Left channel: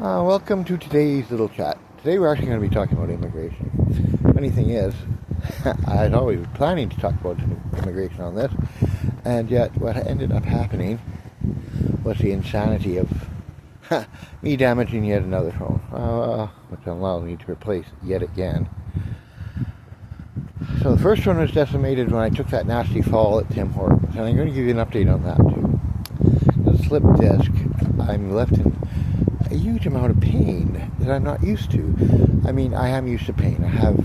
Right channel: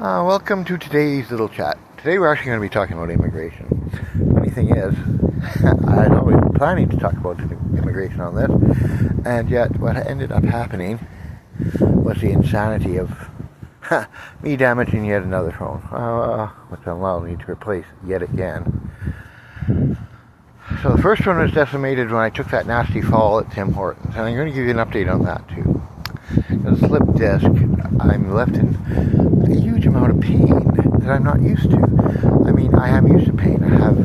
Welcome to today's little chat. Today we're actually going to be talking about immigration. Funny thing is, I was always planning to talk about immigration on this, and yet what ended up happening was the insanity of me damaging yet another phone, which allowed me to replace yet again. So the first one was decimated when I took that nasty fall at Tim Hortons, and I'm going to give you an update on that too. The slip disc, I'm left in a huge amount of pain that I'm not used to. I mean, I am used to pain. I have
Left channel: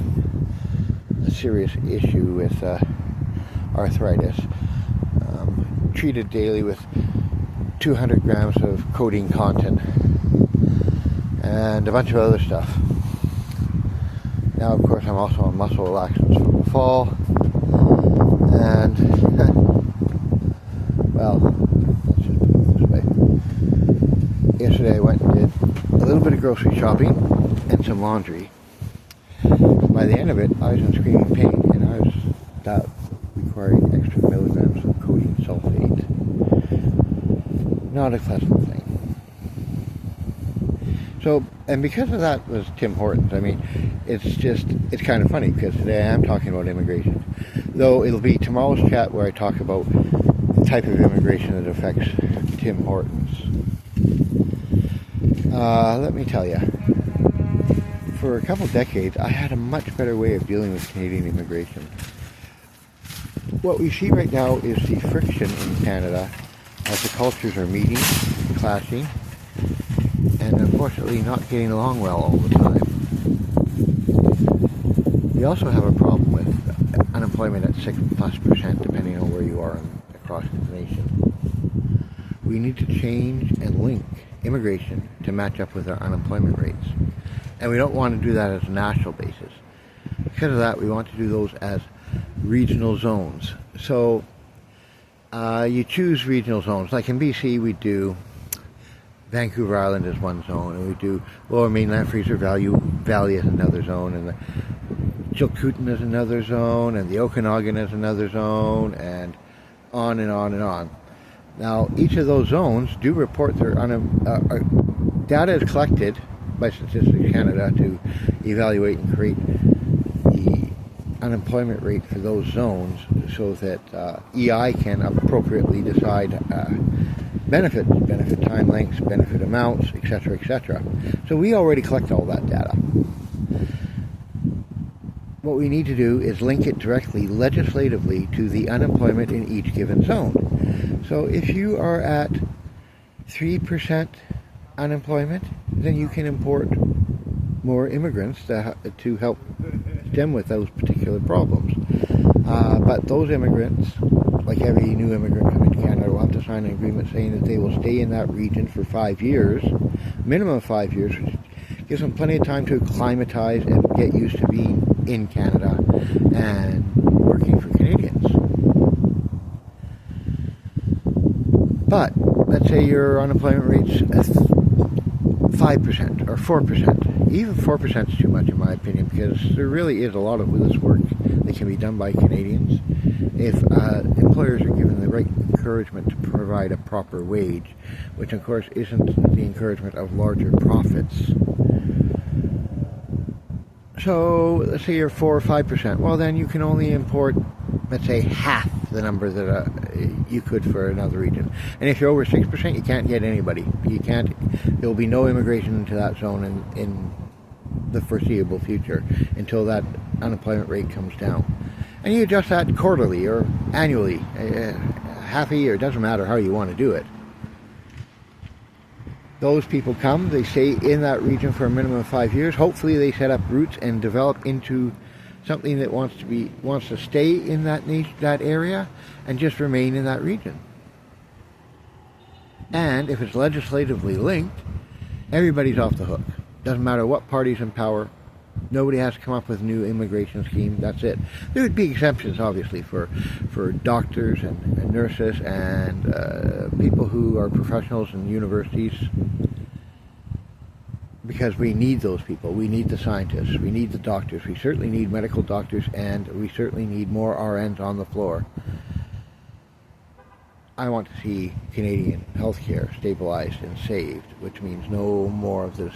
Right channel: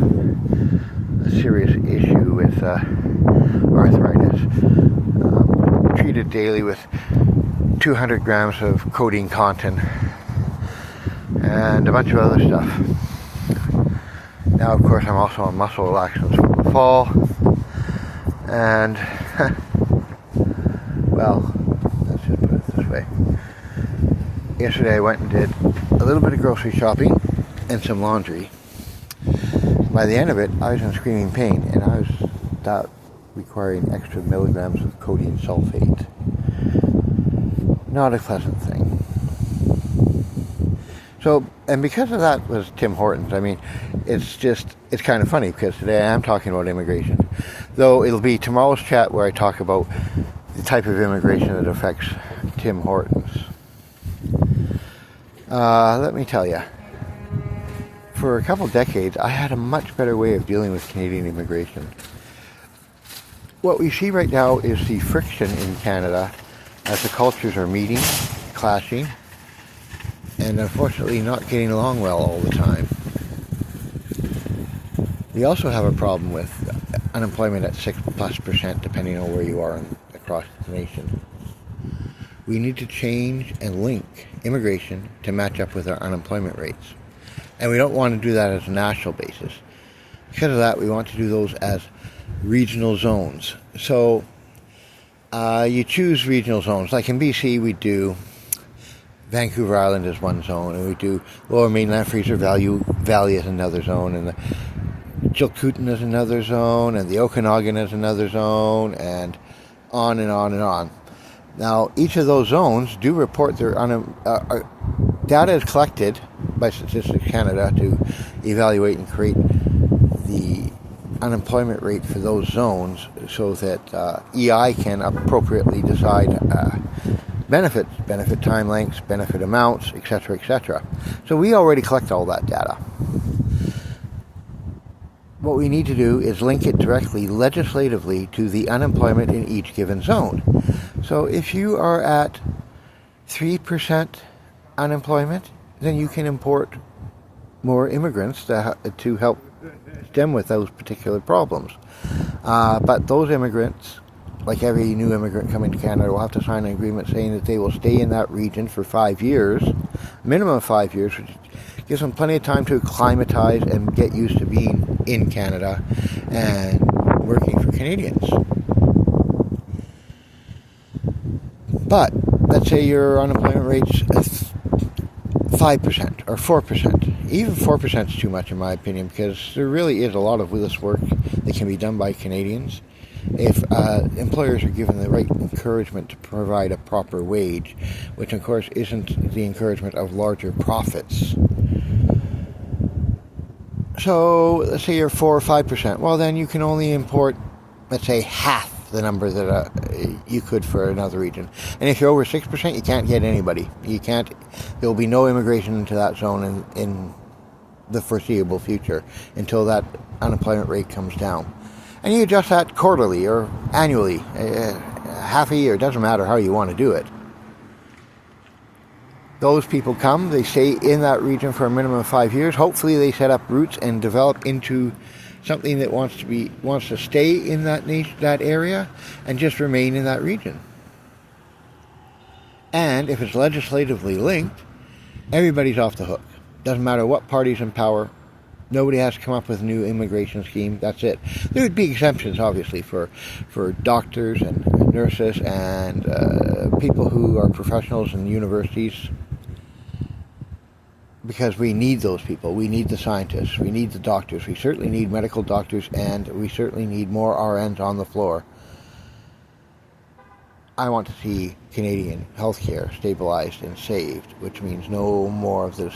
a serious issue with arthritis. Treated daily with 200 grams of codeine contin and a bunch of other stuff. Now, of course, I'm also on muscle relaxants from the fall. And, well, let's just put it this way. Yesterday I went and did a little bit of grocery shopping and some laundry. By the end of it, I was in screaming pain, and I was requiring extra milligrams of codeine sulfate. Not a pleasant thing. So, and because of that was Tim Hortons. I mean, it's kind of funny because today I am talking about immigration. Though it'll be tomorrow's chat where I talk about the type of immigration that affects Tim Hortons. Let me tell you, for a couple decades, I had a much better way of dealing with Canadian immigration. What we see right now is the friction in Canada as the cultures are meeting, clashing, and unfortunately not getting along well all the time. We also have a problem with unemployment at 6+%, depending on where you are across the nation. We need to change and link immigration to match up with our unemployment rates. And we don't want to do that as a national basis. Because of that, we want to do those as regional zones. So you choose regional zones. Like in BC, we do Vancouver Island as one zone, and we do Lower Mainland Fraser Valley as another zone, and the Chilcotin as another zone, and the Okanagan as another zone, and on and on and on. Now, each of those zones do report their data is collected by Statistics Canada to evaluate and create the unemployment rate for those zones so that EI can appropriately decide benefit time lengths, benefit amounts, etc., etc. So we already collect all that data. What we need to do is link it directly legislatively to the unemployment in each given zone. So if you are at 3% unemployment, then you can import more immigrants to help stem with those particular problems. But those immigrants, like every new immigrant coming to Canada, will have to sign an agreement saying that they will stay in that region for 5 years, minimum of 5 years, which gives them plenty of time to acclimatize and get used to being in Canada and working for Canadians. But let's say your unemployment rate's 5% or 4%. Even 4% is too much in my opinion, because there really is a lot of this work that can be done by Canadians if employers are given the right encouragement to provide a proper wage, which of course isn't the encouragement of larger profits. So let's say you're 4 or 5%. Well, then you can only import, let's say, half the number that you could for another region. And if you're over 6%, you can't get anybody. There will be no immigration into that zone in the foreseeable future until that unemployment rate comes down. And you adjust that quarterly or annually, half a year, it doesn't matter how you want to do it. Those people come, they stay in that region for a minimum of 5 years. Hopefully they set up roots and develop into something that wants to stay in that area and just remain in that region. And if it's legislatively linked, everybody's off the hook. Doesn't matter what party's in power. Nobody has to come up with a new immigration scheme. That's it. There would be exemptions, obviously, for doctors and nurses and people who are professionals in universities, because we need those people. We need the scientists. We need the doctors. We certainly need medical doctors, and we certainly need more RNs on the floor. I want to see Canadian healthcare stabilized and saved, which means no more of this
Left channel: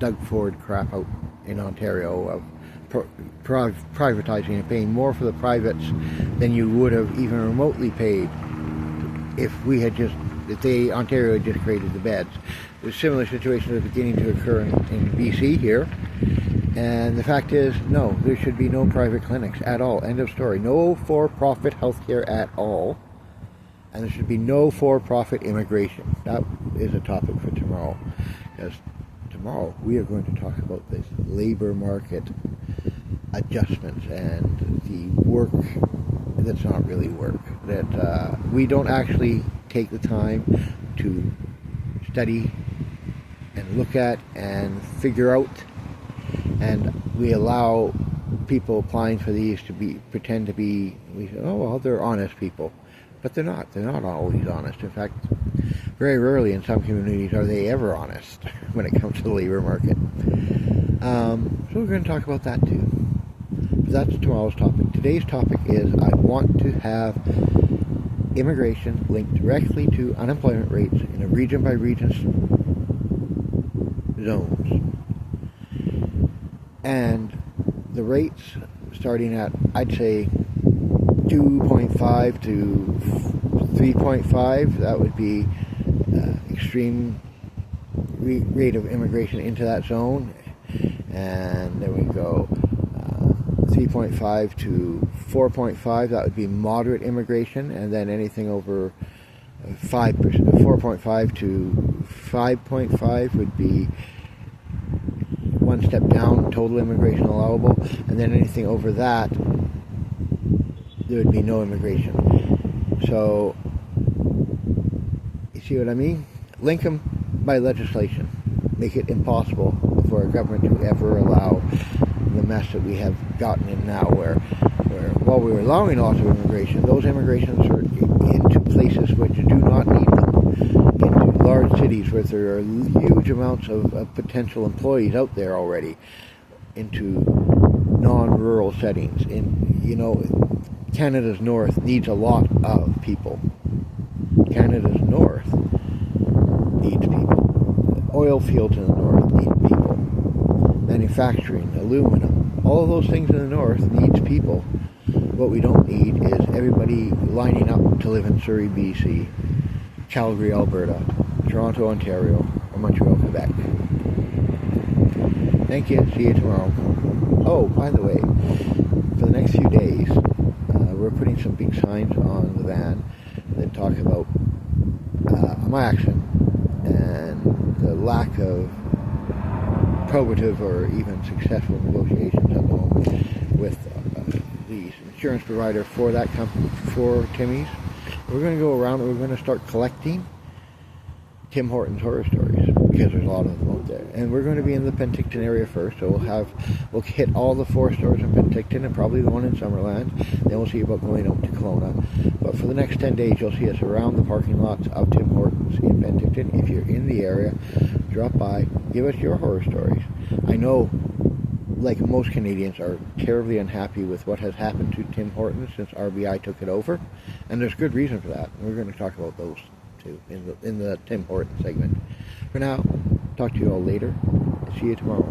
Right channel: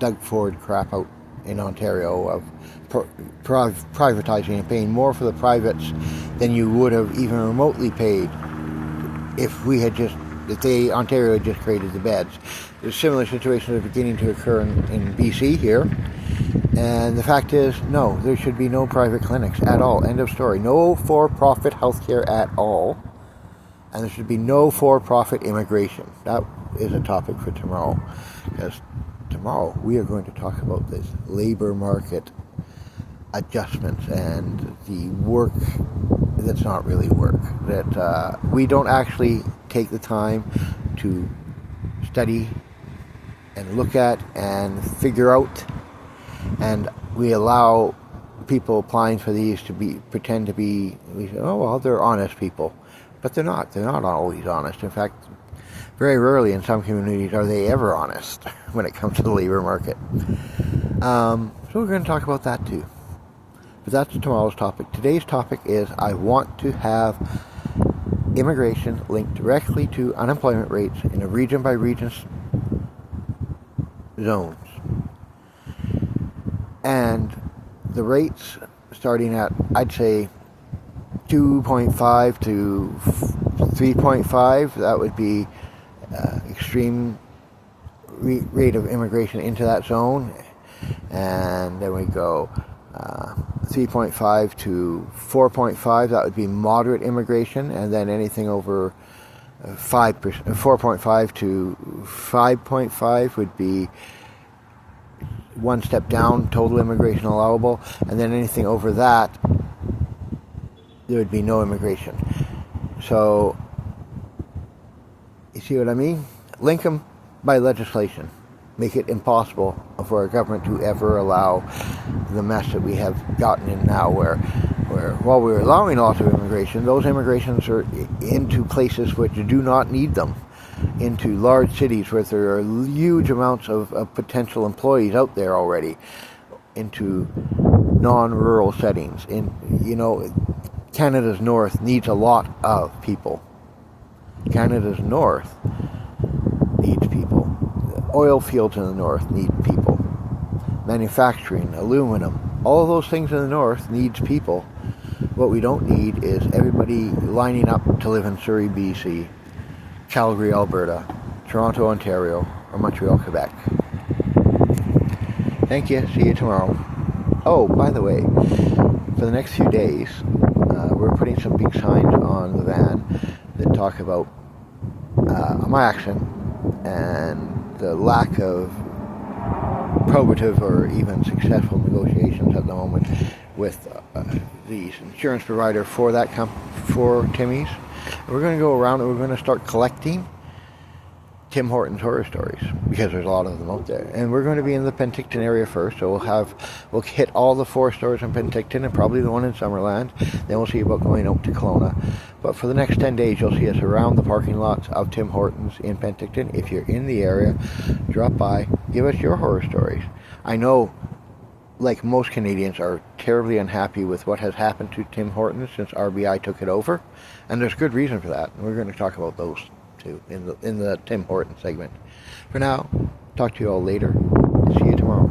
Doug Ford crap out in Ontario of privatizing and paying more for the privates than you would have even remotely paid if Ontario had just created the beds. There's similar situations are beginning to occur in BC here. And the fact is, no, there should be no private clinics at all. End of story. No for-profit healthcare at all. And there should be no for-profit immigration. That is a topic for tomorrow. Because tomorrow we are going to talk about this labor market adjustments and the work that's not really work. That we don't actually take the time to study and look at and figure out, and we allow people applying for these to pretend to be, we say, oh well, they're honest people, but they're not. They're not always honest. In fact, very rarely in some communities are they ever honest when it comes to the labor market. So we're going to talk about that too. That's tomorrow's topic. Today's topic is I want to have immigration linked directly to unemployment rates in a region by region zones. And the rates starting at, I'd say, 2.5 to 3.5, that would be extreme rate of immigration into that zone. And then we go 3.5 to 4.5, that would be moderate immigration, and then anything over 5%, 4.5 to 5.5 would be one step down, total immigration allowable, and then anything over that, there would be no immigration. So, you see what I mean? Link them by legislation. Make it impossible for a government to ever allow the mess that we have gotten in now, where while we're allowing lots of immigration, those immigrations are into places which do not need them, into large cities where there are huge amounts of potential employees out there already, into non-rural settings. Canada's north needs a lot of people. Canada's north needs people. Oil fields in the north need people. Manufacturing, aluminum, all of those things in the north needs people. What we don't need is everybody lining up to live in Surrey, BC, Calgary, Alberta, Toronto, Ontario, or Montreal, Quebec. Thank you. See you tomorrow. Oh, by the way, for the next few days, we're putting some big signs on the van that talk about my action and the lack of probative or even successful negotiations at the moment with the insurance provider for that company, for Timmy's. We're going to go around and we're going to start collecting Tim Hortons horror stories, because there's a lot of them out there. And we're going to be in the Penticton area first, so we'll hit all the 4 stores in Penticton and probably the one in Summerland. Then we'll see about going out to Kelowna. But for the next 10 days, you'll see us around the parking lots of Tim Hortons in Penticton. If you're in the area, drop by, give us your horror stories. I know, like most Canadians, are terribly unhappy with what has happened to Tim Hortons since RBI took it over, and there's good reason for that. And we're going to talk about those too in the Tim Hortons segment. For now, talk to you all later. See you tomorrow.